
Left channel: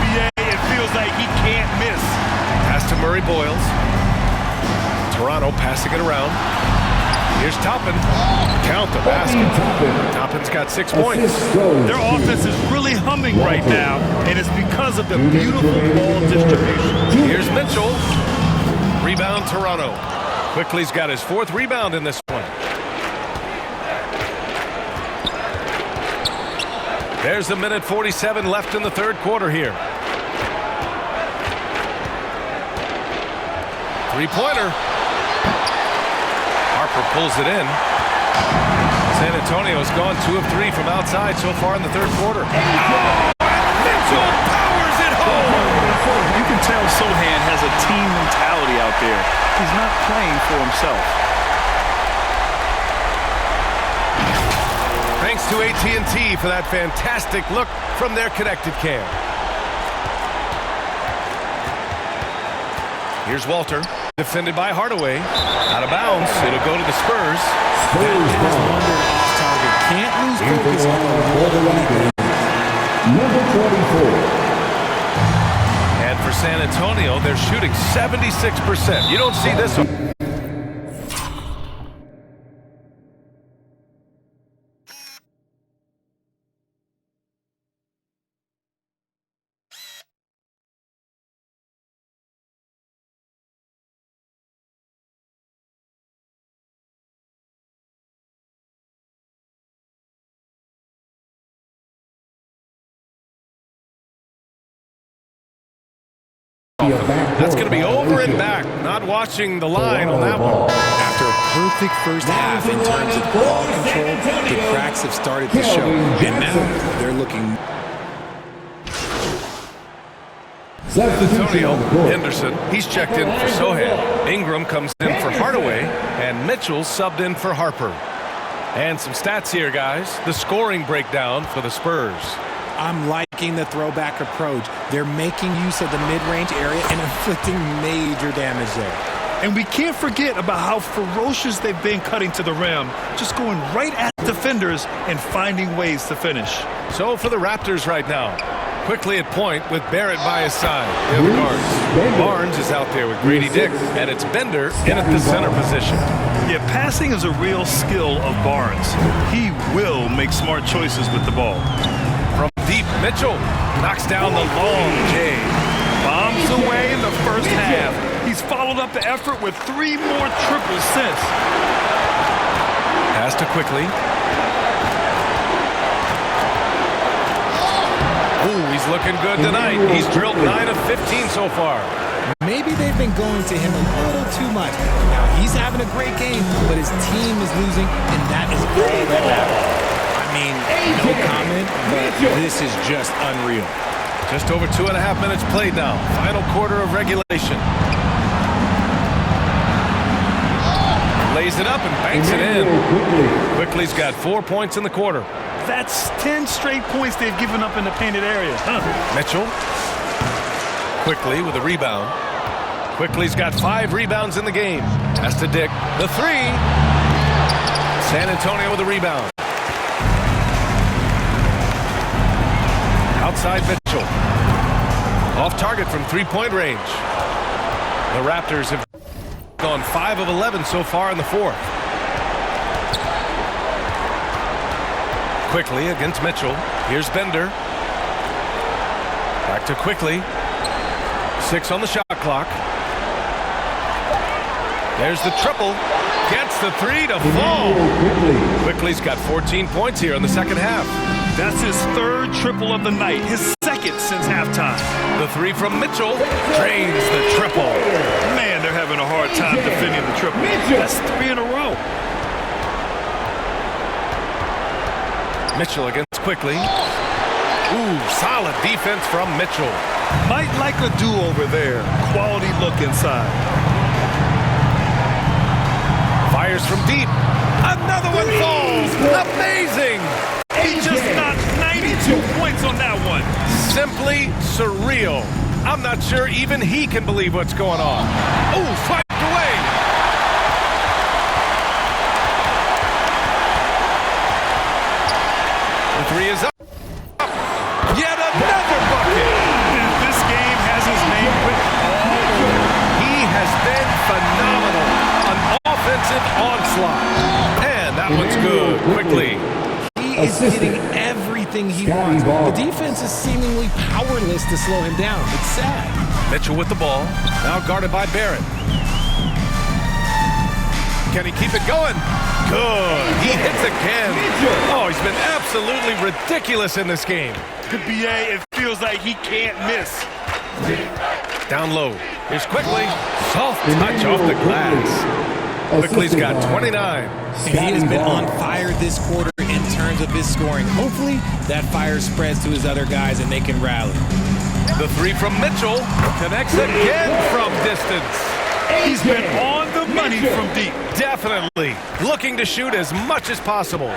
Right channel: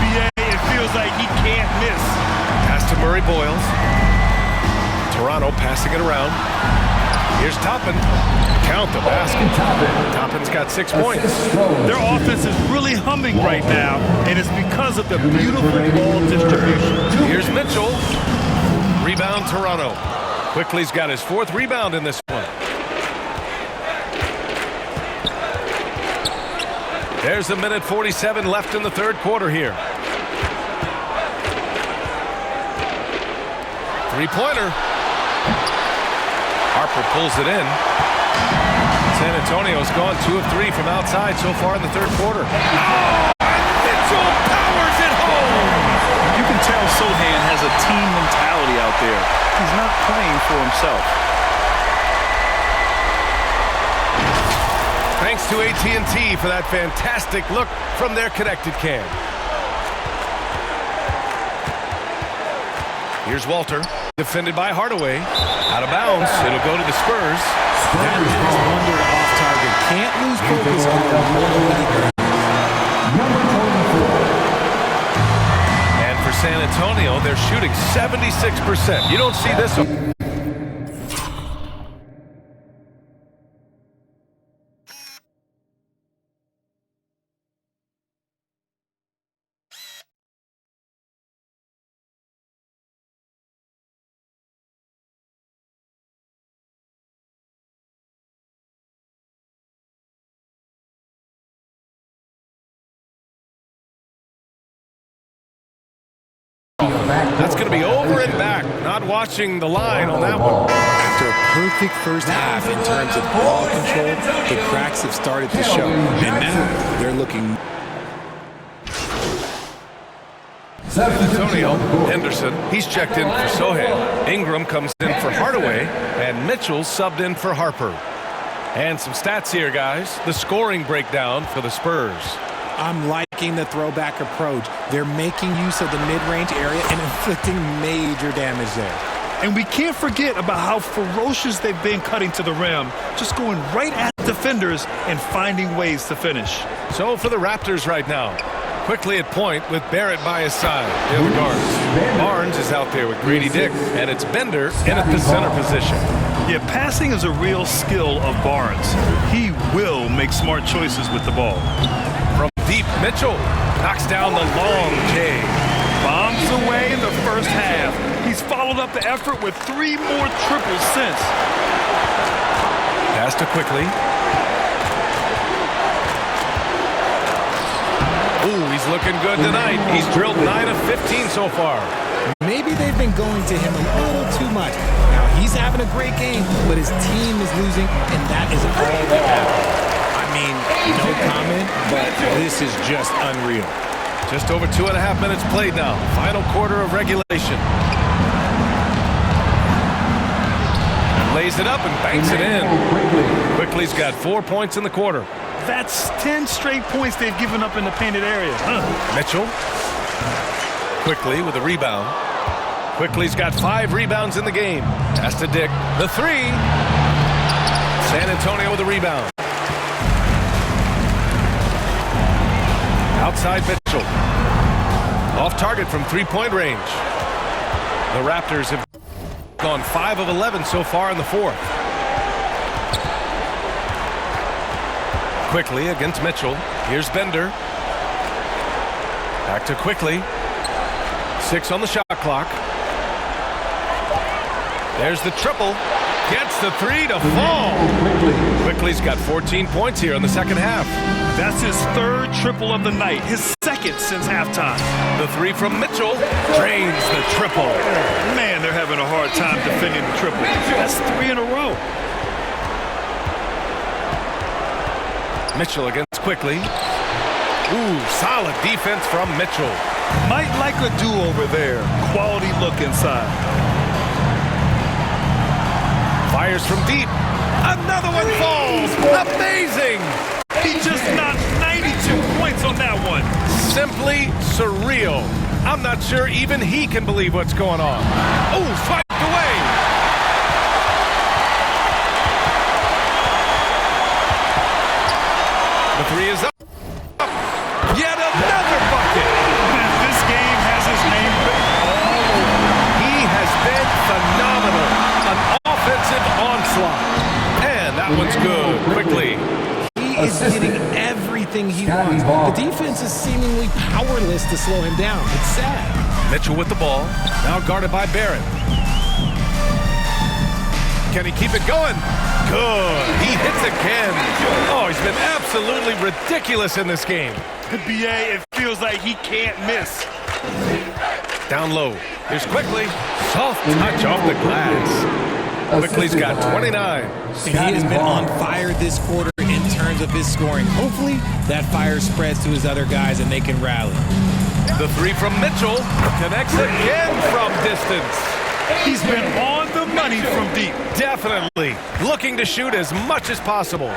BA, it feels like he can't miss. Pass to Murray Boyles. Toronto passing it around. Here's Toppin. Count the basket. Toppin's got 6 points. Their offense is really humming right now, and it's because of the beautiful ball distribution. Here's Mitchell. Rebound Toronto. Quickly's got his 4th rebound in this one. There's a minute 47 left in the third quarter here. Three-pointer. Harper pulls it in. San Antonio's gone 2 of 3 from outside so far in the third quarter. Oh, and Mitchell powers it home. You can tell Sohan has a team mentality out there. He's not playing for himself. Thanks to AT&T for that fantastic look from their connected cam. Here's Walter, defended by Hardaway. Out of bounds, it'll go to the Spurs. That pass wandered off target. Can't lose focus on the little anything. Number 24. And for San Antonio, they're shooting 76%. You don't see this one. That's going to be over and back. Not watching the line on that one. After a perfect first half in terms of ball control, the cracks have started to show. And now they're looking. Antonio Henderson, he's checked in for Sohan. Ingram comes in for Hardaway, and Mitchell subbed in for Harper. And some stats here, guys. The scoring breakdown for the Spurs. I'm liking the throwback approach. They're making use of the mid-range area and inflicting major damage there. And we can't forget about how ferocious they've been cutting to the rim, just going right at defenders and finding ways to finish. So for the Raptors right now, quickly at point with Barrett by his side. The other guards. Barnes is out there with Grady Dick, and it's Bender in at the center position. Yeah, passing is a real skill of Barnes. He will make smart choices with the ball. From deep, Mitchell knocks down the long J. Bombs away in the first half. He's followed up the effort with 3 more triples since. Pass to Quickly. Oh, he's looking good tonight. He's drilled 9 of 15 so far. Maybe they've been going to him a little too much. Now, he's having a great game, but his team is losing, and that is all that matters. I mean, no comment, but this is just unreal. Just over 2.5 minutes played now. Final quarter of regulation. Lays it up and banks it in. Quickly's got 4 points in the quarter. That's 10 straight points they've given up in the painted area. Mitchell. Quickly with a rebound. Quickly's got 5 rebounds in the game. Pass to Dick. The 3. San Antonio with a rebound. Outside Mitchell. Off target from 3-point range. The Raptors have gone 5 of 11 so far in the fourth. Quickly against Mitchell. Here's Bender. Back to Quickly. 6 on the shot clock. There's the triple. Gets the 3 to fall. Quickly's got 14 points here in the second half. That's his 3rd triple of the night, his 2nd since halftime. The 3 from Mitchell drains the triple. Man, they're having a hard time defending the triple. That's 3 in a row. Mitchell against Quickly. Ooh, solid defense from Mitchell. Might like a do-over there. Quality look inside. Fires from deep. Another one falls. Amazing. He just knocked 92 points on that one. Simply surreal. I'm not sure even he can believe what's going on. Oh, swiped away. The 3 is up. Yet another bucket. This game has his name written all over. He has been phenomenal. An offensive onslaught. And that one's good. Quickly. He is getting everything he wants. The defense is seemingly powerless to slow him down. It's sad. Mitchell with the ball. Now guarded by Barrett. Can he keep it going? Good. He hits again. Oh, he's been absolutely ridiculous in this game. BA, it feels like he can't miss. Down low. Here's Quickly. Soft touch off the glass. Quickly's got 29. And he has been on fire this quarter in terms of his scoring. Hopefully, that fire spreads to his other guys and they can rally. The three from Mitchell connects again from distance. He's been on the money from deep. Definitely. Looking to shoot as much as possible.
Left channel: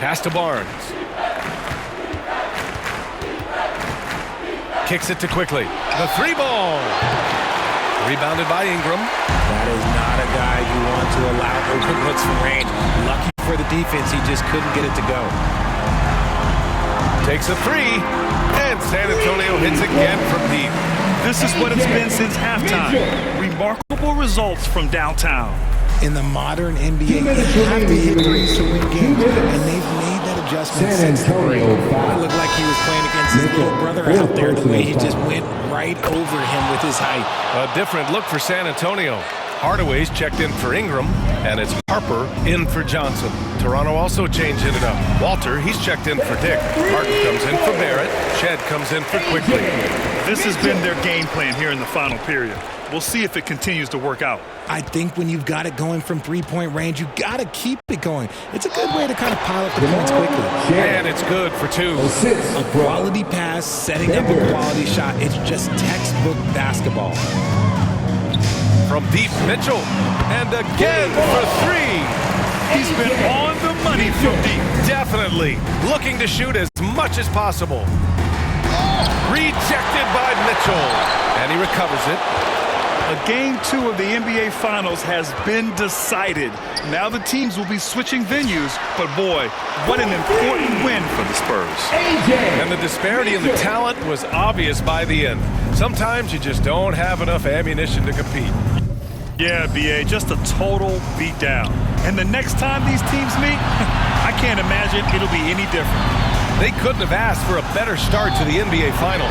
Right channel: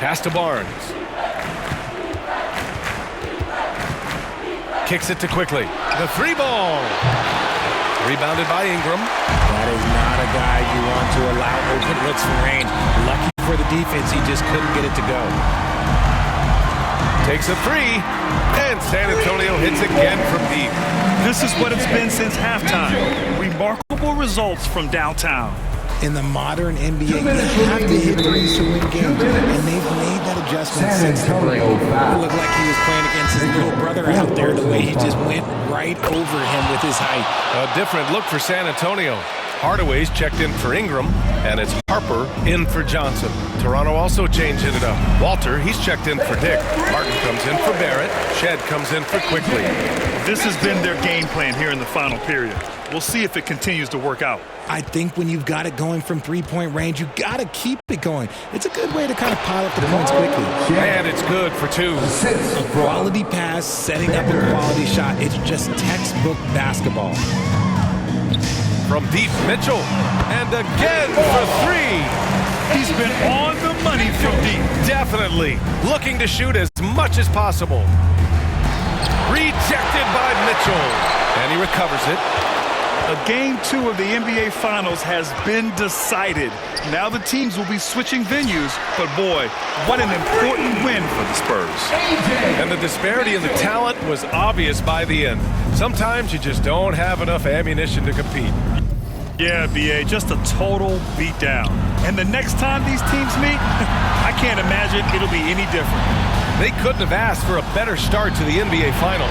Pass to Barnes. Kicks it to Quickly. The three ball. Rebounded by Ingram. That is not a guy you want to allow open looks from range. Lucky for the defense, he just couldn't get it to go. Takes a three. And San Antonio hits again from deep. This is what it's been since halftime. Remarkable results from downtown. In the modern NBA, you have to hit threes to win games, and they've made that adjustment since the break. It looked like he was playing against his little brother out there, the way he just went right over him with his height. A different look for San Antonio. Hardaway's checked in for Ingram, and it's Harper in for Johnson. Toronto also changing it up. Walter, he's checked in for Dick. Martin comes in for Barrett. Shed comes in for Quickly. This has been their game plan here in the final period. We'll see if it continues to work out. I think when you've got it going from three-point range, you got to keep it going. It's a good way to kind of pile up the points quickly. And it's good for two. A quality pass, setting up a quality shot. It's just textbook basketball. From deep, Mitchell. And again for three. He's been on the money from deep. Definitely. Looking to shoot as much as possible. Rejected by Mitchell. And he recovers it. Game 2 of the NBA Finals has been decided. Now the teams will be switching venues, but boy, what an important win for the Spurs. And the disparity in the talent was obvious by the end. Sometimes you just don't have enough ammunition to compete. Yeah, BA, just a total beatdown. And the next time these teams meet, I can't imagine it'll be any different. They couldn't have asked for a better start to the NBA Finals.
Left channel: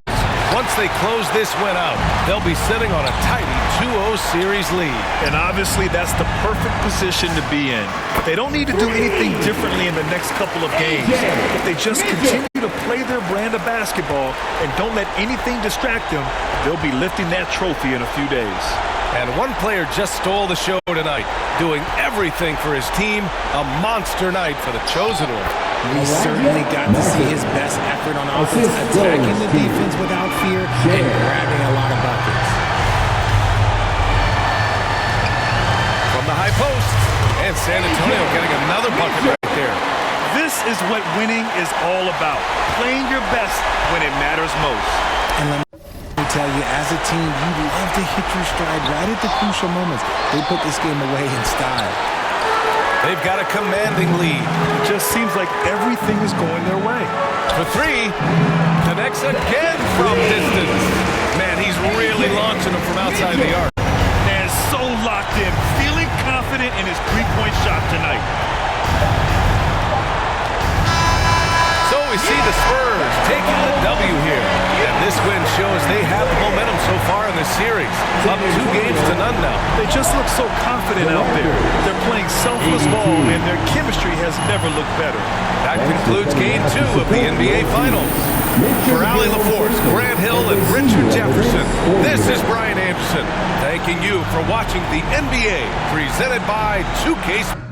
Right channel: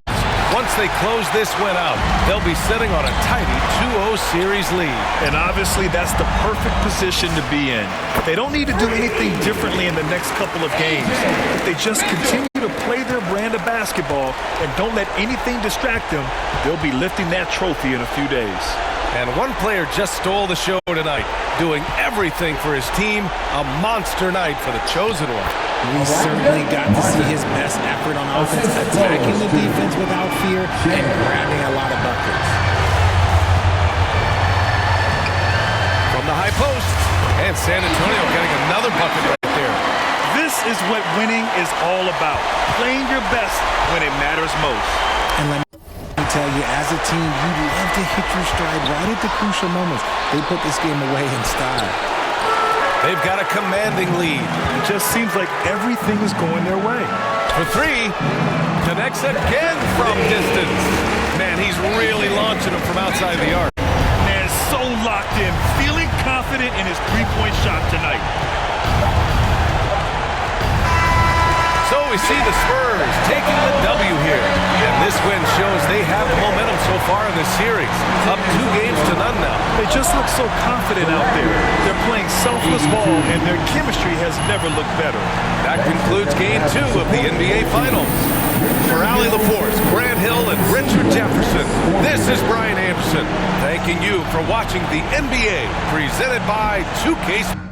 Once they close this win out, they'll be sitting on a tidy 2-0 series lead. And obviously that's the perfect position to be in. They don't need to do anything differently in the next couple of games. If they just continue to play their brand of basketball and don't let anything distract them, they'll be lifting that trophy in a few days. And one player just stole the show tonight, doing everything for his team. A monster night for the chosen one. We certainly got to see his best effort on offense, attacking the defense without fear and grabbing a lot of buckets. From the high post, and San Antonio getting another bucket right there. This is what winning is all about, playing your best when it matters most. And let me tell you, as a team, you love to hit your stride right at the crucial moments. They put this game away in style. They've got a commanding lead. It just seems like everything is going their way. For three, connects again from distance. Man, he's really launching them from outside the arc. Man, so locked in, feeling confident in his three-point shot tonight. So we see the Spurs taking the W here. And this win shows they have the momentum so far in this series. Up 2-0 now. They just look so confident out there. They're playing selfless ball, and their chemistry has never looked better. That concludes Game 2 of the NBA Finals. For Allie LaForce, Grant Hill, and Richard Jefferson, this is Brian Anderson, thanking you for watching the NBA, presented by 2K.